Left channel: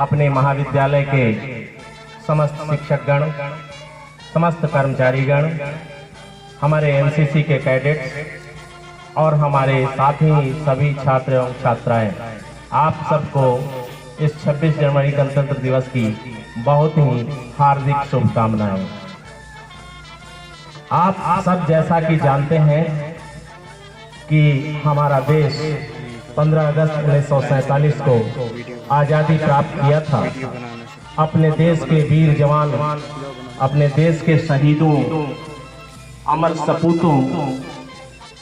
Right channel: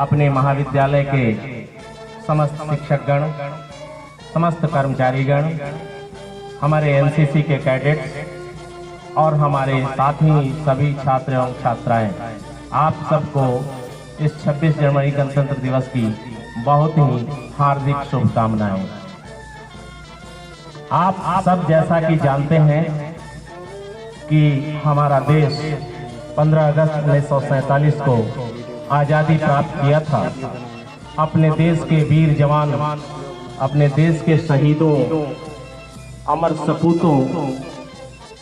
अपने महाविद्यालय के समस्त शिक्षकगण, समस्त कर्मचारीगण, हमारे एनसीसी के कैडेट और हमारे साथी सभी छात्र एवं छात्राएं, आप सबको इस 26 जनवरी गणतंत्र दिवस की बहुत ही हार्दिक शुभकामनाएं। आप सब जैसा कि जानते हैं कि हमारा देश 15 अगस्त 1947 को आज़ादी प्राप्त किया था। अपने देश के वीर जवान, अपने देश के शहीदों, अमर सपूतों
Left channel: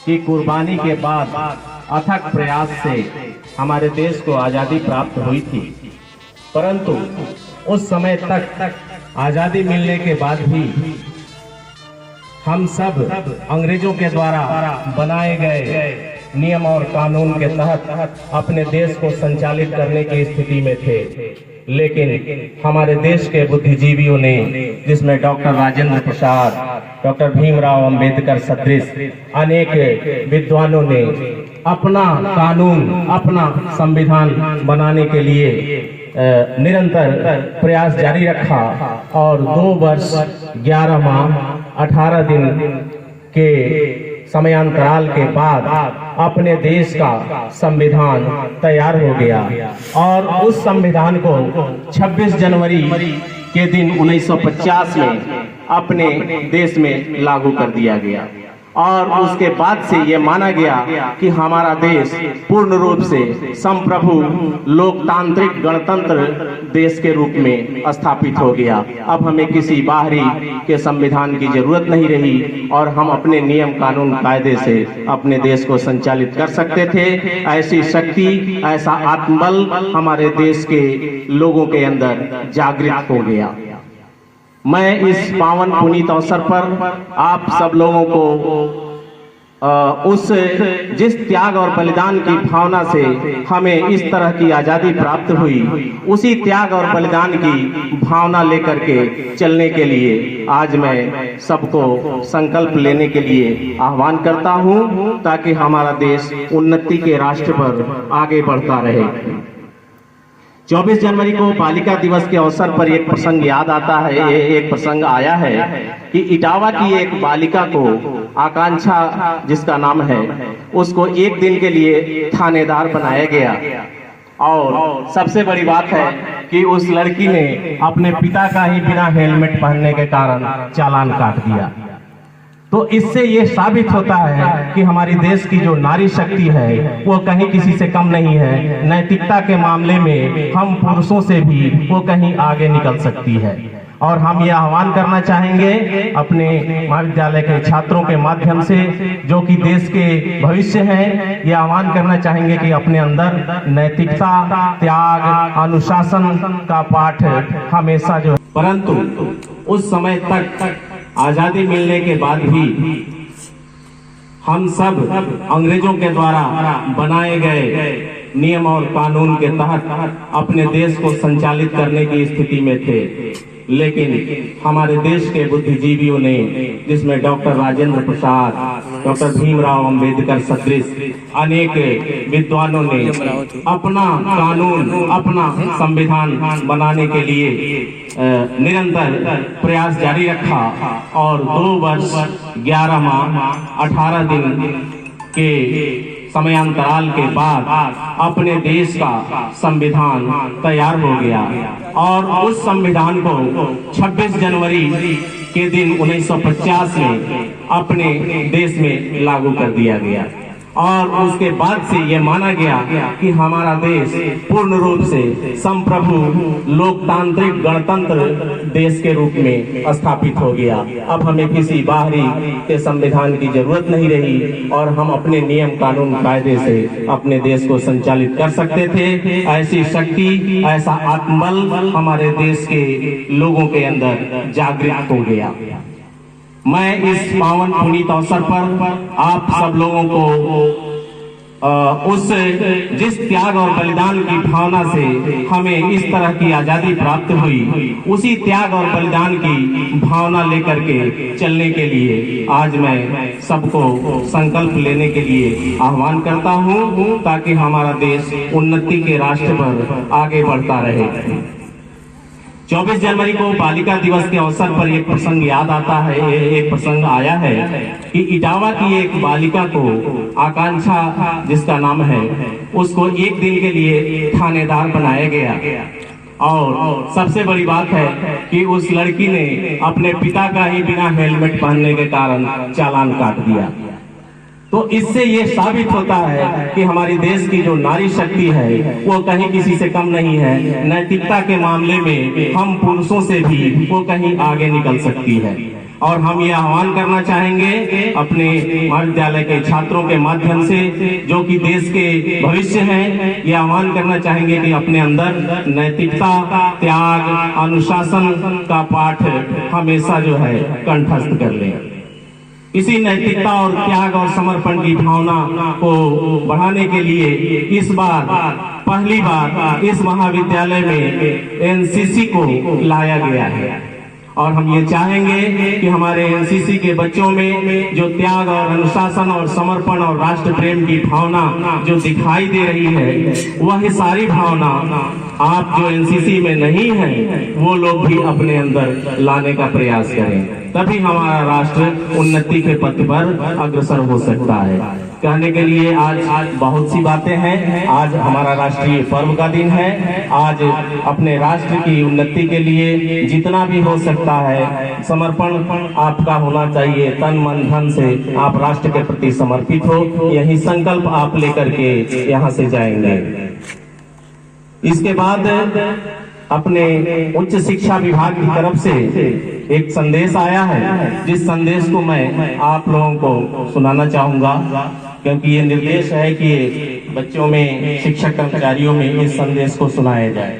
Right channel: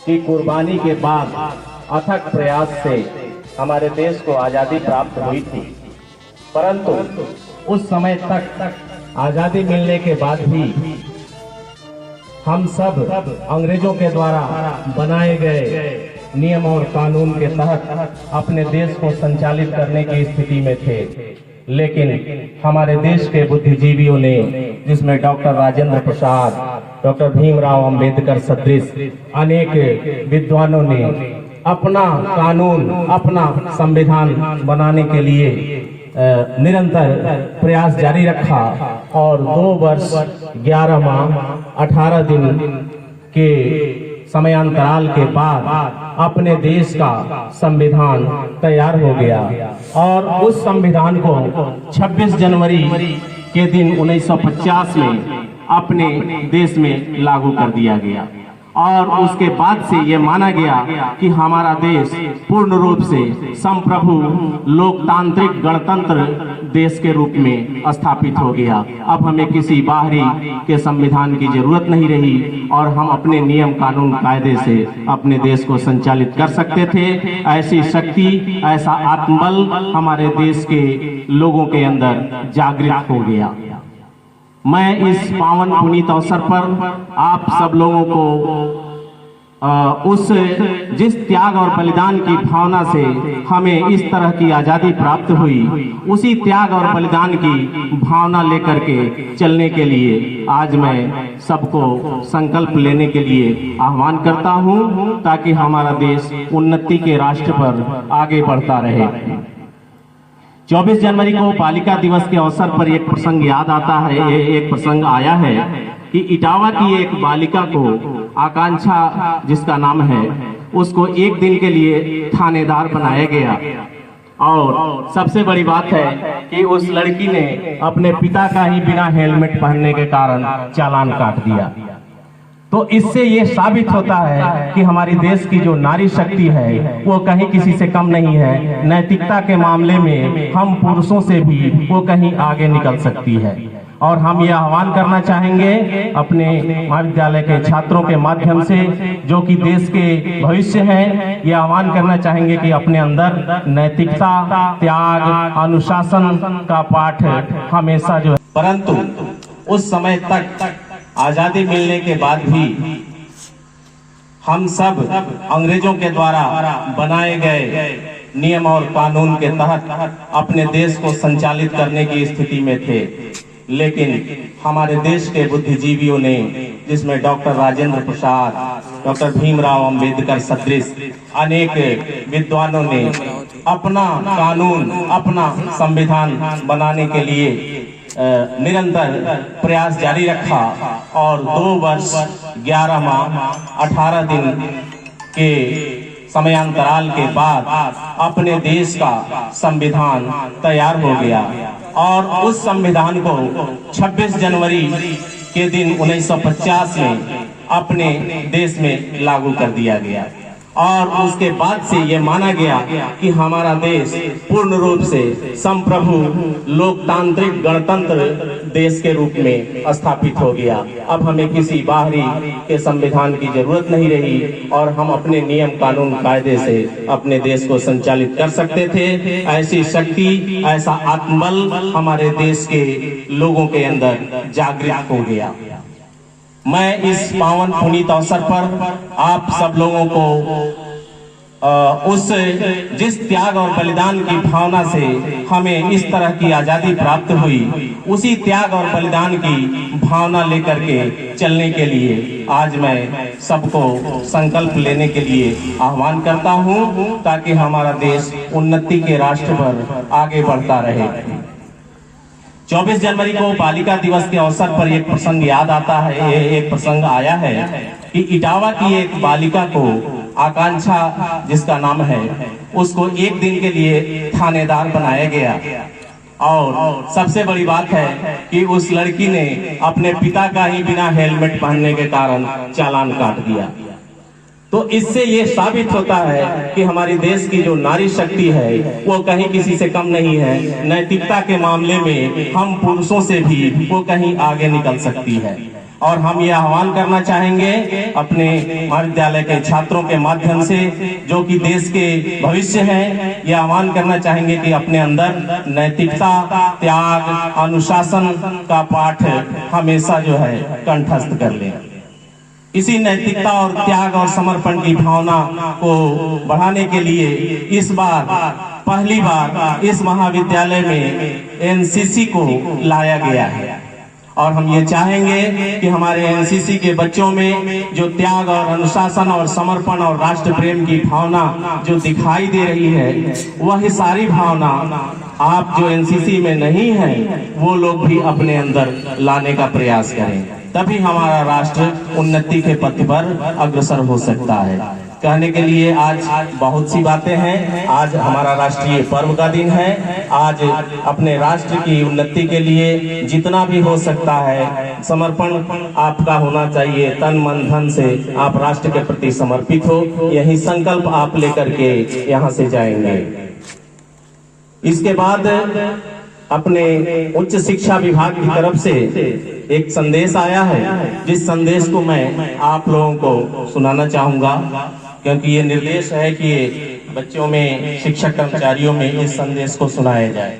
की कुर्बानी के बाद अथक प्रयास से हमारे देश को आज़ादी प्राप्त हुई थी। परंतु उस समय तक आज़ादी मिलने के बाद भी हम सब अंग्रेजों के द्वारा बनाए गए नियम और कानून के तहत अपने देश को संचालित करने की स्थिति में थे। लेकिन हमारे देश के बुद्धिजीवियों ने, जिसमें डॉक्टर राजेंद्र प्रसाद, डॉक्टर भीमराव अंबेडकर सदृश अनेक विद्वानों ने अपना कानून, अपना संविधान बनाने के लिए निरंतर प्रयास जारी रखा और 2 वर्ष 11 माह 18 दिन के समयांतराल के बाद अपने देश का संविधान तैयार हो गया और उस संविधान को 26 जनवरी के दिन 1950 में अपने देश में लागू कर दिया गया और उसके बाद से ये माना गया कि हमारा देश पूर्ण रूप से संप्रभु लोकतांत्रिक गणतंत्र देश के रूप में स्थापित हो गया। अब हमें किसी बाहरी के संविधान की जरूरत नहीं रही और हम अपने नियम कानून कायदे से अपने देश को संचालित कर सकते थे। ऐसी शक्ति, ऐसा आत्मबल हमारे देश के लोगों के अंदर जागृत हो गया। मैं इस पावन पुनीत अवसर पर आप सब लोगों को उस जिस त्याग और बलिदान की भावना से हमें इस तरह की आजादी प्राप्त हुई, उसी त्याग और बलिदान की भावना लेकर के चलने के लिए आज मैं सबको संकल्प लेने के लिए आह्वान करता हूं, ताकि हमारा देश उन्नति के रास्ते पर आगे बढ़ता रहे। 24 जनवरी को बालिका दिवस के अवसर पर एक प्रसंग याद आता है, एक प्रसंग आया है कि इटावा की एक बालिका को, आकांक्षा जिसका नाम है, उसको एक दिन के लिए थानेदार बनाया गया और सबसे बड़ी बात है कि उस लड़की ने अपने पिता का ही बिना हेलमेट पहनने के कारण चालान काट दिया। तो इससे ये साबित होता है कि हमारी देश की जो नारी शक्ति है वो कहीं किसी से कम नहीं है। नैतिकता के मामले में हम पुरुषों से भी वो कहीं आगे निकल सकती है। और हम ये आह्वान करना चाहेंगे अपने महाविद्यालय के छात्रों के माध्यम से, जो कि देश के भविष्य हैं, ये आह्वान करना चाहेंगे कि अपने अंदर नैतिकता, त्याग, अनुशासन का पाठ हमेशा जो है। परंतु उस समय तक आजादी मिलने के बाद भी हम सब अंग्रेजों के द्वारा बनाए गए नियम और कानून के तहत अपने देश को संचालित करने की स्थिति में थे। लेकिन हमारे देश के बुद्धिजीवियों ने, जिसमें डॉक्टर राजेंद्र प्रसाद, डॉक्टर भीमराव अंबेडकर सदृश अनेक विद्वानों ने अपना कानून, अपना संविधान बनाने के लिए निरंतर प्रयास जारी रखा और 2 वर्ष 11 माह 18 दिन के समयांतराल के बाद अपने देश का संविधान तैयार हो गया और उस संविधान को 26 जनवरी के दिन 1950 में अपने देश में लागू कर दिया गया और उसके बाद से ये माना गया कि हमारा देश पूर्ण रूप से संप्रभु लोकतांत्रिक गणतंत्र देश के रूप में स्थापित हो गया। अब हमें किसी बाहरी के संविधान की जरूरत नहीं रही और हम अपने नियम कानून कायदे से अपने देश को संचालित कर सकते थे। ऐसी शक्ति, ऐसा आत्मबल हमारे देश के लोगों के अंदर जागृत हो गया। मैं इस पावन पुनीत अवसर पर आप सब लोगों को उस जिस त्याग और बलिदान की भावना से हमें इस तरह की आजादी प्राप्त हुई, उसी त्याग और बलिदान की भावना लेकर के चलने के लिए आज मैं सबको संकल्प लेने के लिए आह्वान करता हूं, ताकि हमारा देश उन्नति के रास्ते पर आगे बढ़ता रहे। 24 जनवरी को बालिका दिवस के अवसर पर एक प्रसंग याद आता है, एक प्रसंग आया है कि इटावा की एक बालिका को आकांक्षा जिसका नाम है, उसको एक दिन के लिए थानेदार बनाया गया। और सबसे बड़ी बात है कि उस लड़की ने अपने पिता का ही बिना हेलमेट पहनने के कारण चालान काट दिया। तो इससे ये साबित होता है कि हमारी देश की जो नारी शक्ति है वो कहीं किसी से कम नहीं है। नैतिकता के मामले में हम पुरुषों से भी वो कहीं आगे निकल सकती है। और हम ये आह्वान करना चाहेंगे अपने महाविद्यालय के छात्रों के माध्यम से, जो कि देश के भविष्य हैं, ये आह्वान करना चाहेंगे कि अपने अंदर नैतिकता, त्याग, अनुशासन का पाठ हमेशा जो है कंठस्थ कर लें। इसी नैतिकता और त्याग और समर्पण की भावना को बढ़ाने के लिए इस बार पहली बार इस महाविद्यालय में एनसीसी को लाया गया है। और हम ये चाहेंगे कि हमारे एनसीसी के बच्चों में जो त्याग और अनुशासन और समर्पण और राष्ट्र प्रेम की भावना जो दिखाई दे रही है, वह सारी भावना आप जो एनसीसी में नहीं हैं वो लोग भी अपने अंदर लाने का प्रयास करें, तभी हमारा राष्ट्र उन्नति के पथ पर अग्रसर हो सकता है। कहने के लिए आज बहुत सी बातें हैं। आज हमारा राष्ट्रीय पर्व का दिन है। आज अपने राष्ट्र की उन्नति के लिए जितना भी हो सकता है समर्पण आपका होना चाहिए। तन मन धन से आप राष्ट्र के प्रति समर्पित हो, यही संकल्प आप लेकर के यहाँ से जाएंगे। इसके बाद अपने उच्च शिक्षा विभाग की तरफ से एक संदेश आया है, जिस संदेश को मैं आप लोगों को सुनाना चाहूंगा, क्योंकि ये निर्देश है कि बच्चों में, शिक्षक कर्मचारियों में इस संदेश को सुनाया जाए।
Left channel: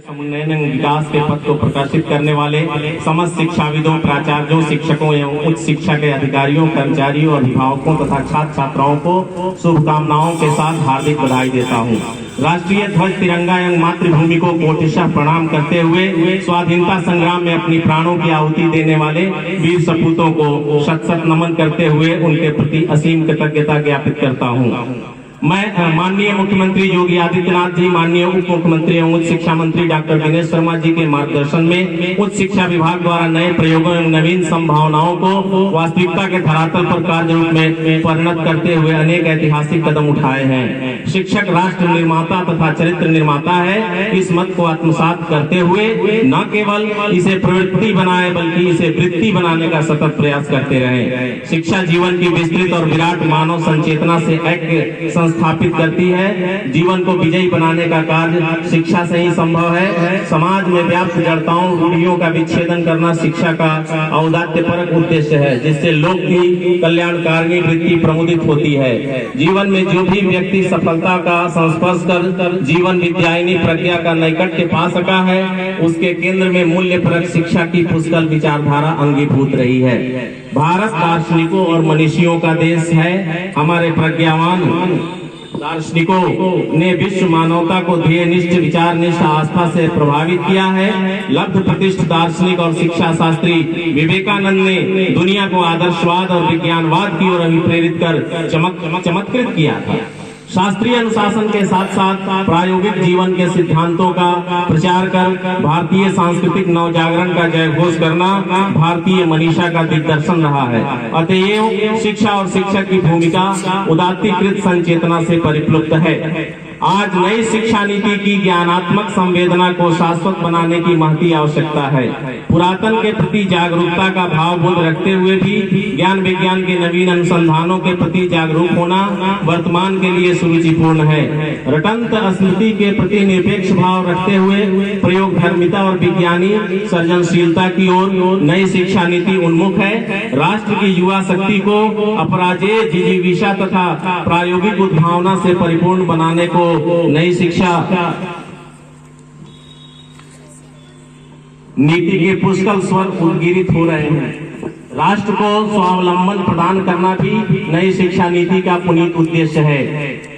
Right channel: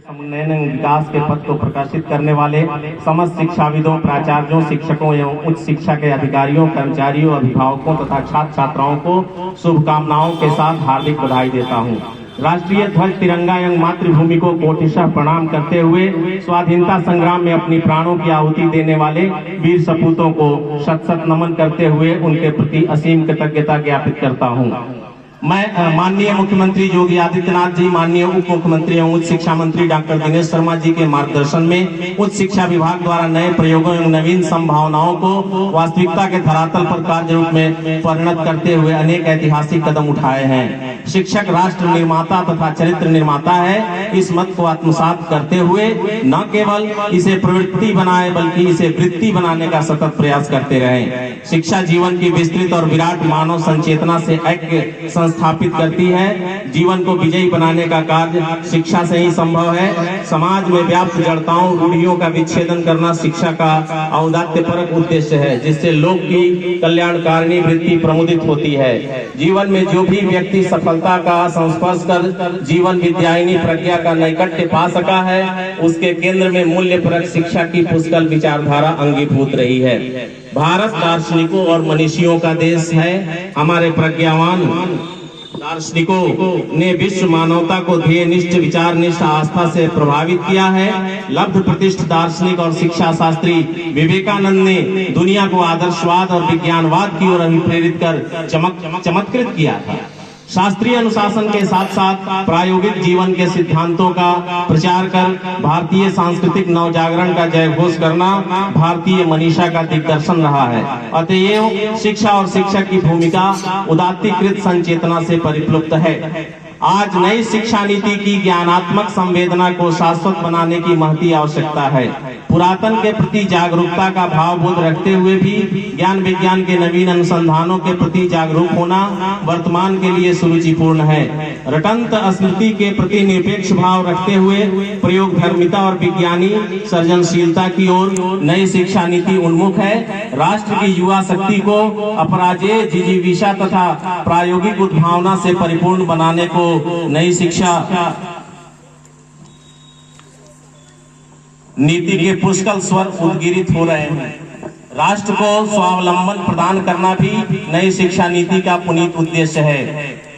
समुन्नयन विकास के पथ को प्रकाशित करने वाले समस्त शिक्षाविदों, प्राचार्यों, शिक्षकों एवं उच्च शिक्षा के अधिकारियों, कर्मचारियों, अभिभावकों तथा छात्र छात्राओं को शुभकामनाओं के साथ हार्दिक बधाई देता हूँ। राष्ट्रीय ध्वज, तिरंगा एवं मातृभूमि को कोटिशः प्रणाम करते हुए स्वाधीनता संग्राम में अपनी प्राणों की आहुति देने वाले वीर सपूतों को शत शत नमन करते हुए उनके प्रति असीम कृतज्ञता ज्ञापित करता हूँ। मैं माननीय मुख्यमंत्री योगी आदित्यनाथ जी, माननीय उप मुख्यमंत्री एवं उच्च शिक्षा मंत्री डॉक्टर दिनेश शर्मा जी के मार्गदर्शन में उच्च शिक्षा विभाग द्वारा नए प्रयोगों एवं नवीन संभावनाओं को वास्तविकता के धरातल पर कार्य रूप में परिणत करते हुए अनेक ऐतिहासिक कदम उठाए हैं। शिक्षक राष्ट्र निर्माता तथा चरित्र निर्माता है। इस मत को आत्मसात करते हुए न केवल इसे प्रवृत्ति बनाए बल्कि इसे वृत्ति बनाने का सतत प्रयास करते रहे। शिक्षा जीवन की विस्तृत और विराट मानव संचेतना से ऐक्य स्थापित करती है। जीवन को विजयी बनाने का कार्य शिक्षा से ही संभव है। समाज में व्याप्त जड़ताओं, रूढ़ियों का विच्छेदन करना शिक्षा का औदात्यपरक उद्देश्य है, जिससे लोक की कल्याणकारिणी वृत्ति प्रमुदित होती है। जीवन में जो भी व्यक्ति सफलता का संस्पर्श कर जीवन विद्यायनी प्रक्रिया का नैकट्य पा सका है, उसके केंद्र में मूल्यपरक शिक्षा की पुष्कल विचारधारा अंगीभूत रही है। भारत दार्शनिकों और मनीषियों का देश है। हमारे प्रज्ञावान दार्शनिकों ने विश्व मानवता को ध्येयनिष्ठ, विचारनिष्ठ आस्था से प्रभावित किया है। लब्ध प्रतिष्ठित दार्शनिक और शिक्षा शास्त्री विवेकानंद ने दुनिया को आदर्शवाद और विज्ञानवाद की ओर अभिप्रेरित कर चमत्कृत किया था। शास्त्रीय अनुशासन के साथ साथ प्रायोगिक जीवन के सिद्धांतों का प्रचार कर भारतीय सांस्कृतिक नवजागरण का जयघोष करना भारतीय मनीषा का दिग्दर्शन रहा है। अतएव शिक्षा और शिक्षक की भूमिका उदात्तीकृत संचेतना से परिप्लुत है। आज नई शिक्षा नीति की ज्ञानात्मक संवेदना को शाश्वत बनाने की महती आवश्यकता है। पुरातन के प्रति जागरूकता का भावबोध रखते हुए भी ज्ञान विज्ञान के नवीन अनुसंधानों के प्रति जागरूक होना वर्तमान के लिए सुरुचिपूर्ण है। रटंत स्मृति के प्रति निरपेक्ष भाव रखते हुए प्रयोग धर्मिता और विज्ञानी सृजनशीलता की ओर नई शिक्षा नीति उन्मुख है। राष्ट्र की युवा शक्ति को अपराजेय जिजीविषा तथा प्रायोगिक उद्भावना से परिपूर्ण बनाने को नई शिक्षा नीति के पुष्कल स्वर उद्गिरित हो रहे हैं। राष्ट्र को स्वावलंबन प्रदान करना भी नई शिक्षा नीति का पुनीत उद्देश्य है।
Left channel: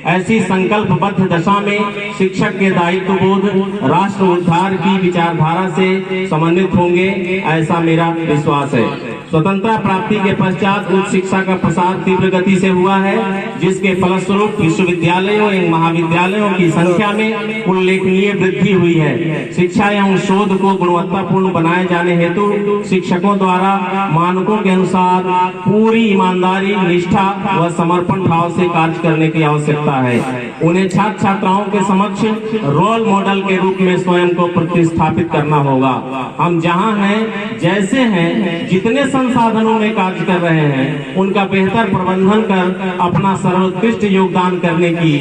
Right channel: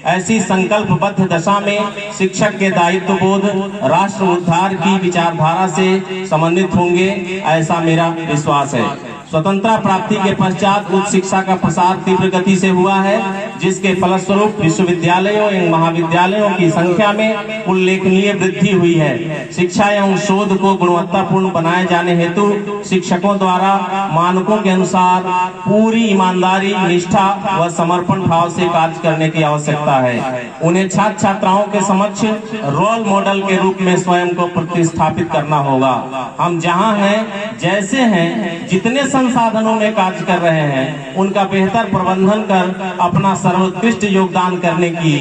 ऐसी संकल्पबद्ध दशा में शिक्षक के दायित्व बोध राष्ट्र उद्धार की विचारधारा से समन्वित होंगे, ऐसा मेरा विश्वास है। स्वतंत्रता प्राप्ति के पश्चात उच्च शिक्षा का प्रसार तीव्र गति से हुआ है, जिसके फलस्वरूप विश्वविद्यालयों एवं महाविद्यालयों की संख्या में उल्लेखनीय वृद्धि हुई है। शिक्षा एवं शोध को गुणवत्तापूर्ण बनाए जाने हेतु शिक्षकों द्वारा मानकों के अनुसार पूरी ईमानदारी, निष्ठा व समर्पण भाव से कार्य करने की आवश्यकता है। उन्हें छात्र छात्राओं के समक्ष रोल मॉडल के रूप में स्वयं को प्रतिस्थापित करना होगा। हम जहां हैं, जैसे हैं, जितने संसाधनों में कार्य कर रहे हैं, उनका बेहतर प्रबंधन कर अपना सर्वोत्कृष्ट योगदान करने की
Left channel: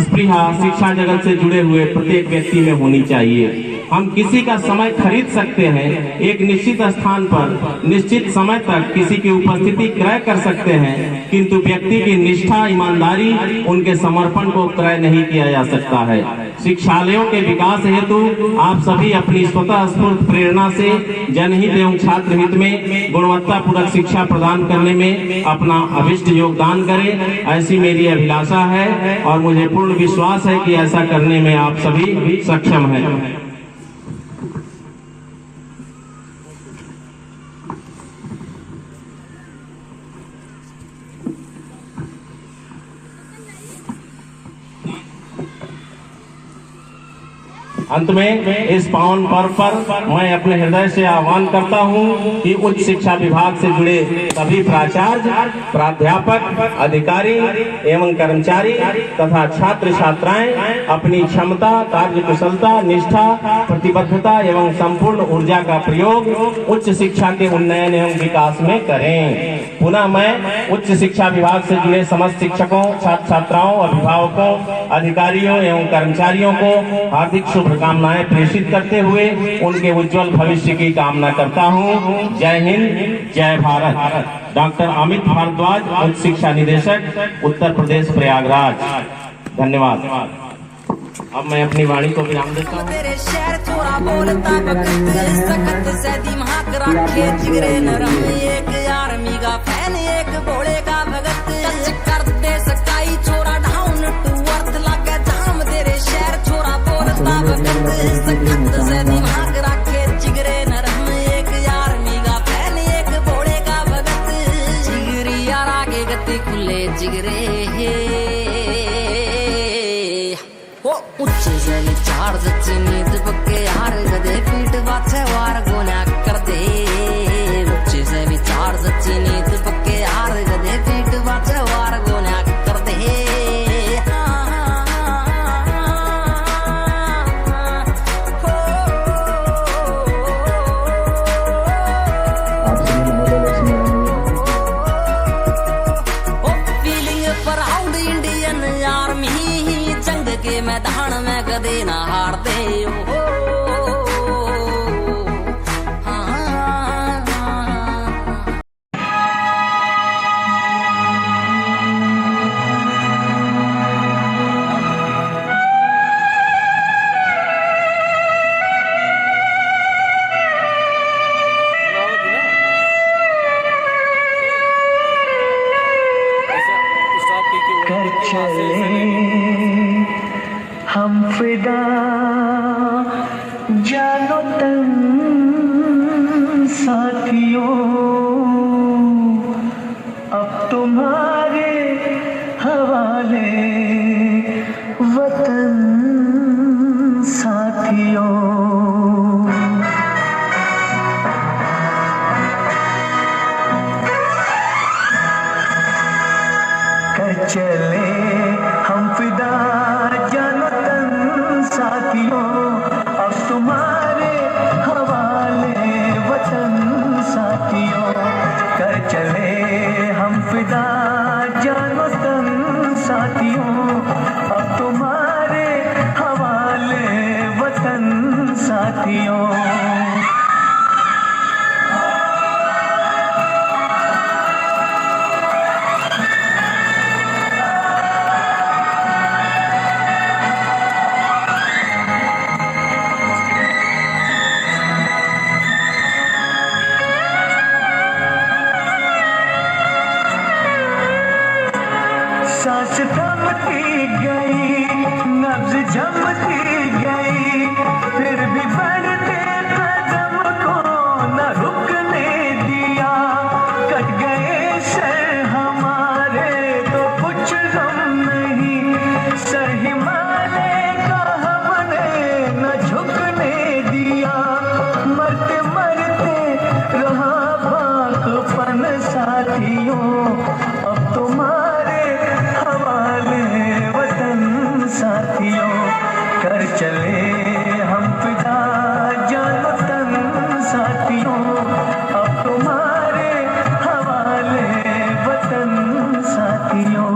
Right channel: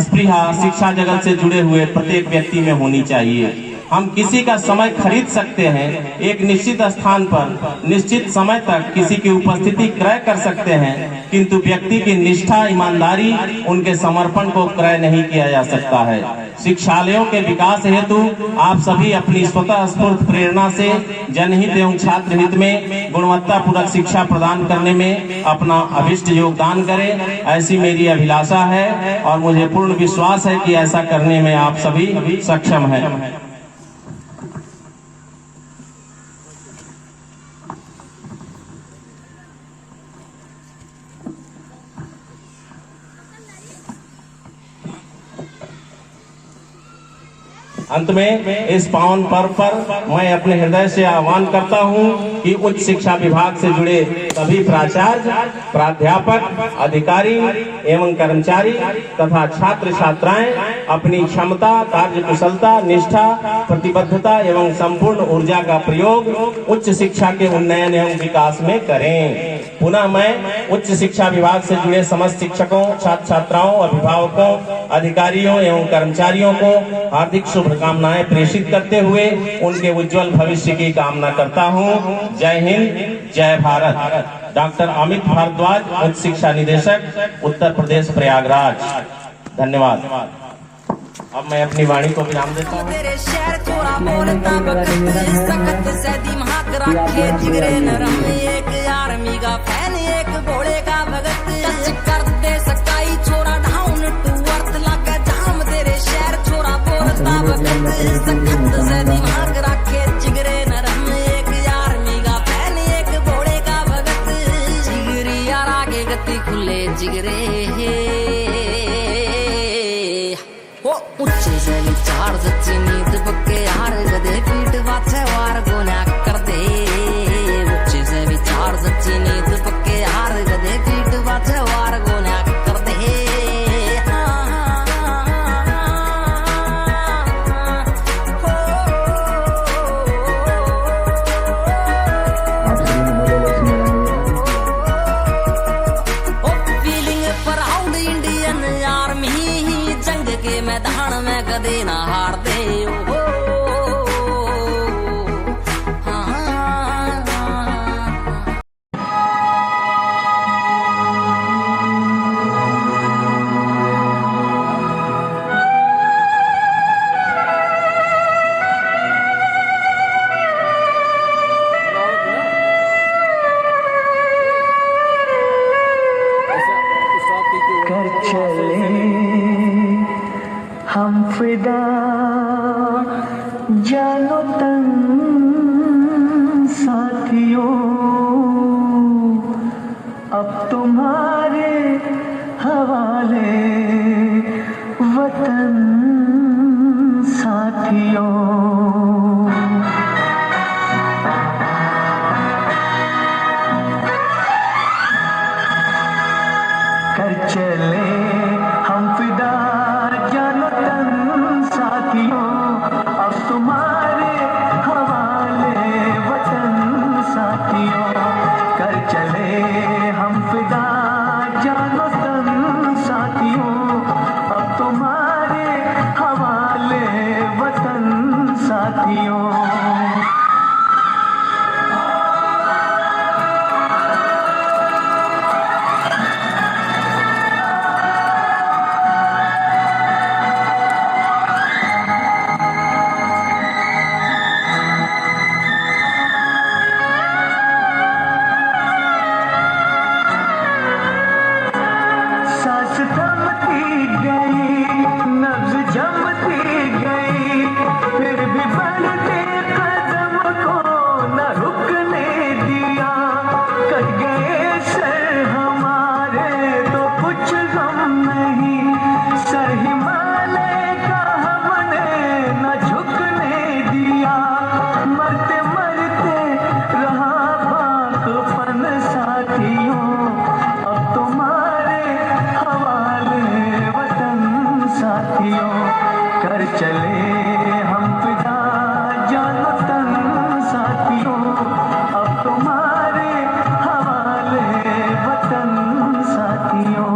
स्पृहा शिक्षा जगत से जुड़े हुए प्रत्येक व्यक्ति में होनी चाहिए। हम किसी का समय खरीद सकते हैं, एक निश्चित स्थान पर निश्चित समय तक किसी की उपस्थिति क्रय कर सकते हैं, किंतु व्यक्ति की निष्ठा, ईमानदारी, उनके समर्पण को क्रय नहीं किया जा सकता है। शिक्षालयों के विकास हेतु आप सभी अपनी स्वतः स्फूर्त प्रेरणा से जनहित एवं छात्र हित में गुणवत्तापूर्वक शिक्षा प्रदान करने में अपना अभिष्ट योगदान करें, ऐसी मेरी अभिलाषा है और मुझे पूर्ण विश्वास है कि ऐसा करने में आप सभी सक्षम हैं। अंत में इस पावन पर्व पर मैं अपने हृदय से आह्वान करता हूं कि उच्च शिक्षा विभाग से जुड़े सभी प्राचार्य, प्राध्यापक, अधिकारी एवं कर्मचारी तथा छात्र छात्राएं अपनी क्षमता, कार्यकुशलता, निष्ठा, प्रतिबद्धता एवं संपूर्ण ऊर्जा का प्रयोग उच्च शिक्षा के उन्नयन एवं विकास में करें। पुनः मैं उच्च शिक्षा विभाग से जुड़े समस्त शिक्षकों, छात्र छात्राओं, अभिभावकों, अधिकारियों एवं कर्मचारियों को हार्दिक शुभकामनाएं प्रेषित करते हुए उनके उज्जवल भविष्य की कामना करता हूं। जय हिंद, जय भारत। डॉक्टर अमित भारद्वाज, उच्च शिक्षा निदेशक, उत्तर प्रदेश प्रयागराज। धन्यवाद। अब मैं अपनी वाणी को विराम देता हूँ। तेरे शहर चोरा बोलता बकत सखत से दिमाग रखे जिगरे नरम, एक आर्मी का फैन, एक घोड़े का भगत, टच कर दे सकाई छोरा डाउन टू अर्थ लगे जाम। तेरे शहर छोरा बोलता बकत सखत से दिमाग रखे जिगरे नरम, एक आर्मी का फैन, एक घोड़े का भगत, जिगरी यार आगे गति खुले जिगरे उच्च से विचार सच्ची नीत पक्के यार गदे पीठ बाछे वार गोना कर दे। उच्च से विचार सच्ची नीत पक्के यार गदे पीठ बाछे वार गोना कर दे। फीलिंग प्राउड इंडियन आर्मी, जंग के मैदान में कदे ना हार दे हो। हम फिदा जानो तन साथियों, अब तुम्हारे हवाले वतन साथियों। कर चले हम फिदा जानो तन साथियों, अब तुम्हारे हवाले वतन साथियों। कर चले हम फिदा जानो तन साथियों, अब तुम्हारे हवाले वतन साथियों। सांस थमती गई, नब्ज जमती गई, फिर भी बढ़ते कदम को न रुकने दिया। कट गए सर हमारे तो कुछ गम नहीं, सर हिमालय का हमने न झुकने दिया। मरते मरते रहा बाकपन साथियों, अब तुम्हारे हवाले वतन साथियों। कर चले हम फिदा जान तन साथियों, अब तुम्हारे हवाले वतन साथियों।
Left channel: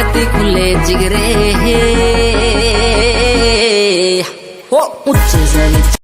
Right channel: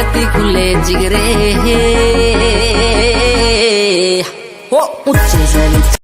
स्वागत खुले जिगरे हो ऊंचे से